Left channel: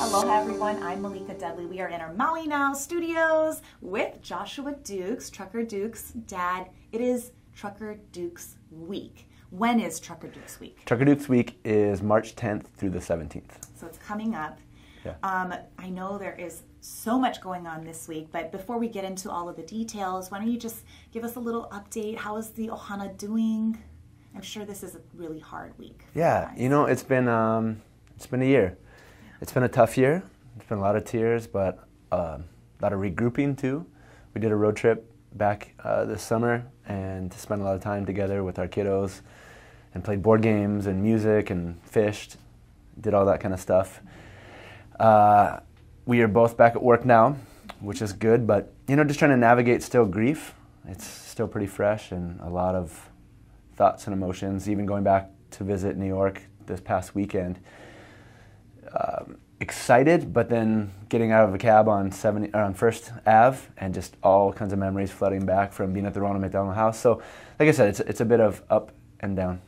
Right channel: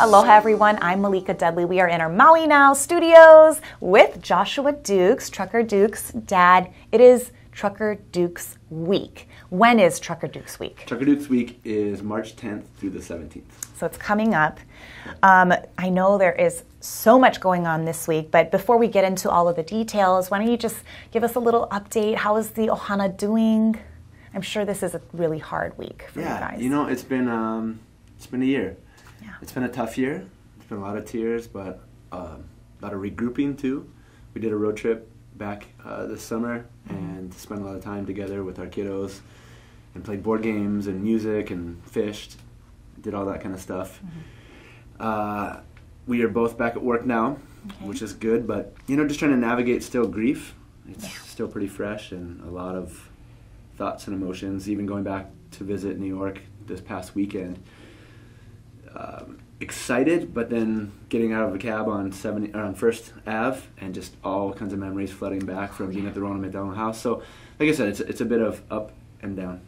Aloha everyone, I'm Malika Dudley. We are in our Maui Now studios with Joshua Dukes, Trucker Dukes' dad. It is Trucker Dukes Week. When is Trucker Dukes Week? Trucker Dukes Week is March 10th through the 17th. So it's coming up. I know there is so much going on this week, but before we get into all of the details, why don't you just give us a little update? How is the Ohana doing? I'm sure this is a really hard week for you guys. You know, it's been a year. Yeah. It's been a tough year. It's been a lot of tears, but a lot of regrouping too. We did a road trip back this summer and spent a lot of time together with our kiddos and played board games and music and fished, did all that kind of stuff. We are both back at work now, which is good, but you know, just trying to navigate still grief. It's still pretty fresh and a lot of thoughts and emotions, even going back to visit New York this past weekend. Excited, but then getting out of a cab on First Ave and just all kinds of memories flooding back from being at the Ronald McDonald House. So, like I said, it's a bit of up and down.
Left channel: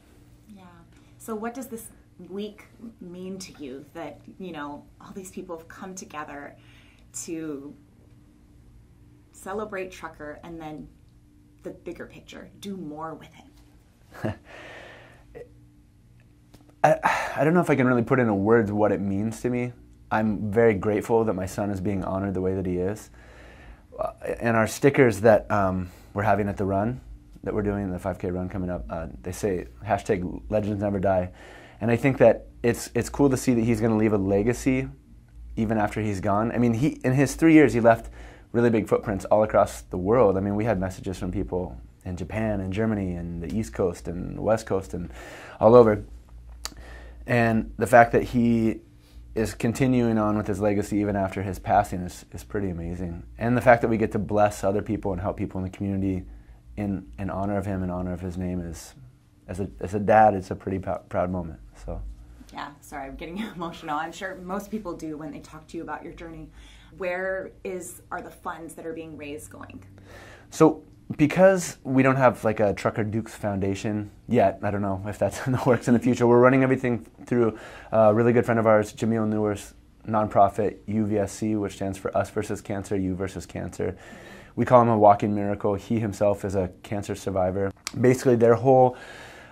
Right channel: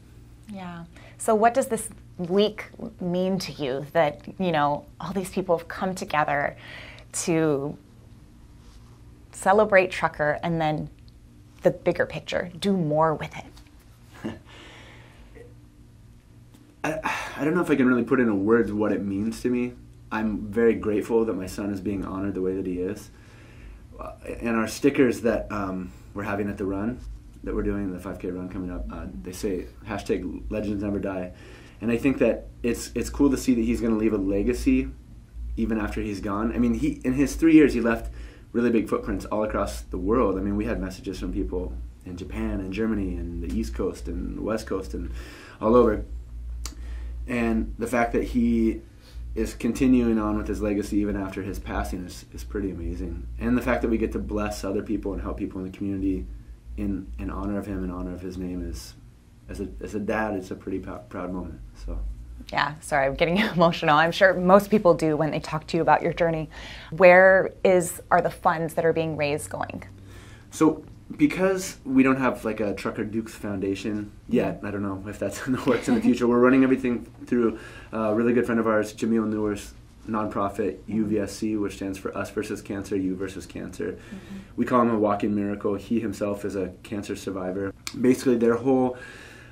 Yeah. So what does this week mean to you that, you know, all these people have come together to celebrate Trucker and then the bigger picture, do more with it? I don't know if I can really put into words what it means to me. I'm very grateful that my son is being honored the way that he is. And our stickers that we're having at the run, that we're doing, the 5K run coming up, they say hashtag legends never die. And I think that it's cool to see that he's going to leave a legacy even after he's gone. I mean, in his 3 years, he left really big footprints all across the world. I mean, we had messages from people in Japan and Germany and the East Coast and the West Coast and all over. And the fact that he is continuing on with his legacy even after his passing is pretty amazing. And the fact that we get to bless other people and help people in the community in honor of him, in honor of his name, is, as a dad, it's a pretty proud moment. So. Yeah, sorry, I'm getting emotional. I'm sure most people do when they talk to you about your journey. Where are the funds that are being raised going? So, because we don't have like a Trucker Dukes Foundation yet, I don't know if that's in the works in the future, we're running everything through a really good friend of ours, Jamil Newer's nonprofit UVSC, which stands for Us Versus Cancer, You Versus Cancer. Mm-hmm. We call him a walking miracle. He himself is a cancer survivor. Basically, their whole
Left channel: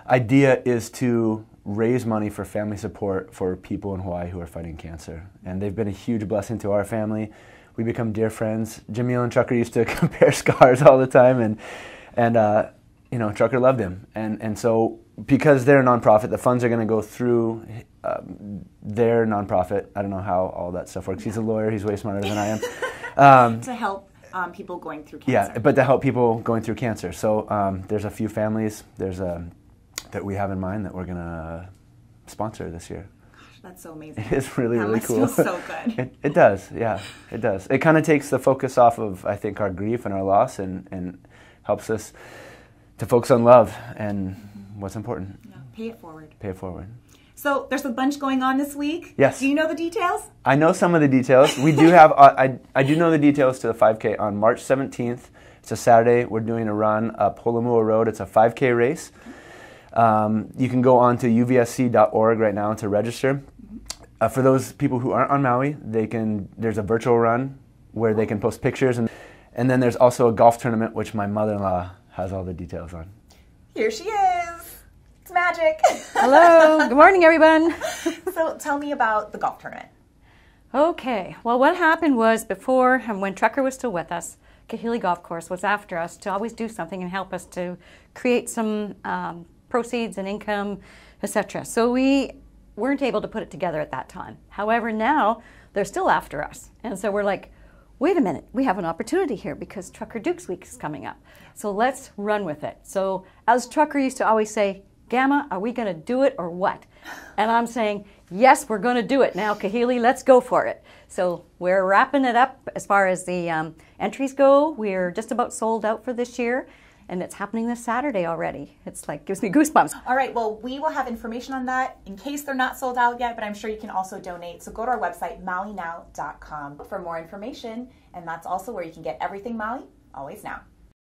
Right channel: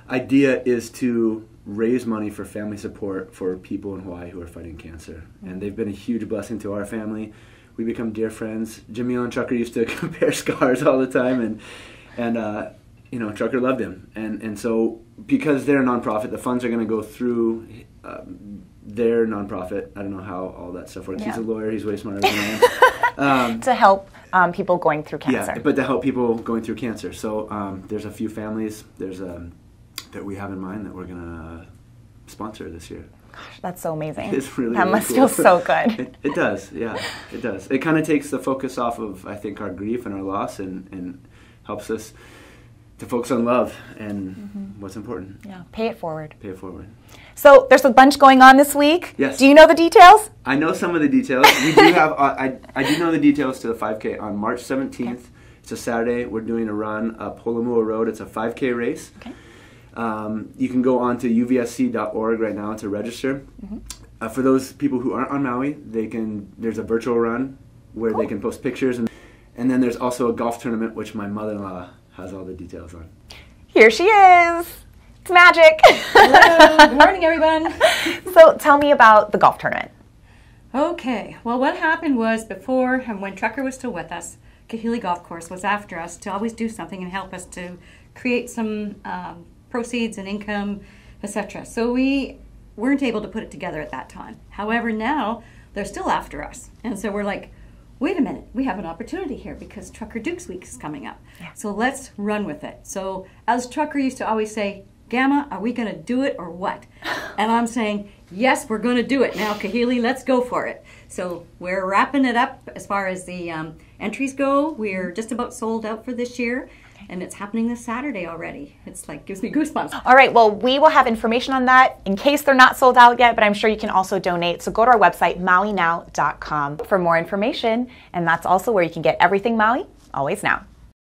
idea is to raise money for family support for people in Hawaii who are fighting cancer. And they've been a huge blessing to our family. We become dear friends. Jamil and Trucker used to compare scars all the time, and you know, Trucker loved him. And so because they're a nonprofit, the funds are going to go through their nonprofit. I don't know how all that stuff works. Yeah. He's a lawyer. He's way smarter than I am. To help people going through cancer. Yeah, but to help people going through cancer. So there's a few families that we have in mind that we're going to sponsor this year. Gosh, that's so amazing. It's really, that really must cool. feel so good. It does, yeah, it does. It kind of takes the focus off of, I think, our grief and our loss and helps us to focus on love and what's important. Yeah, pay it forward. Pay it forward. So there's a bunch going on this week. Yes. Do you know the details? I know some of the details. We do have, I do know the details to the 5K on March 17th. It's a Saturday. We're doing a run up Holomua Road. It's a 5K race. Okay. You can go on to uvsc.org right now to register. For those people who aren't on Maui, there's a virtual run where they can post pictures, and then there's also a golf tournament, which my mother-in-law has all the details on. Here she is. It's magic. Hello. Good morning, everyone. So tell me about the golf tournament. Okay. Well, what happened was before, when Trucker was still with us, Kahili Golf Course was after us to always do something and help us to create some proceeds and income, etc. So we weren't able to put it together at that time. However, now they're still after us. And so we're like, wait a minute, we have an opportunity here because Trucker Dukes Week is coming up. Yeah. So let's run with it. So as Trucker used to always say, Gamma, are we going to do it or what? And I'm saying, yes, we're going to do it. Now, Kahili, let's go for it. So we're wrapping it up as far as the entries go. We're just about sold out for this year. And it's happening this Saturday already. It's like, gives me goosebumps. All right, well, we will have information on that in case they're not sold out yet, but I'm sure you can also donate. So go to our website, mauinow.com, for more information. And that's also where you can get everything Maui, always now.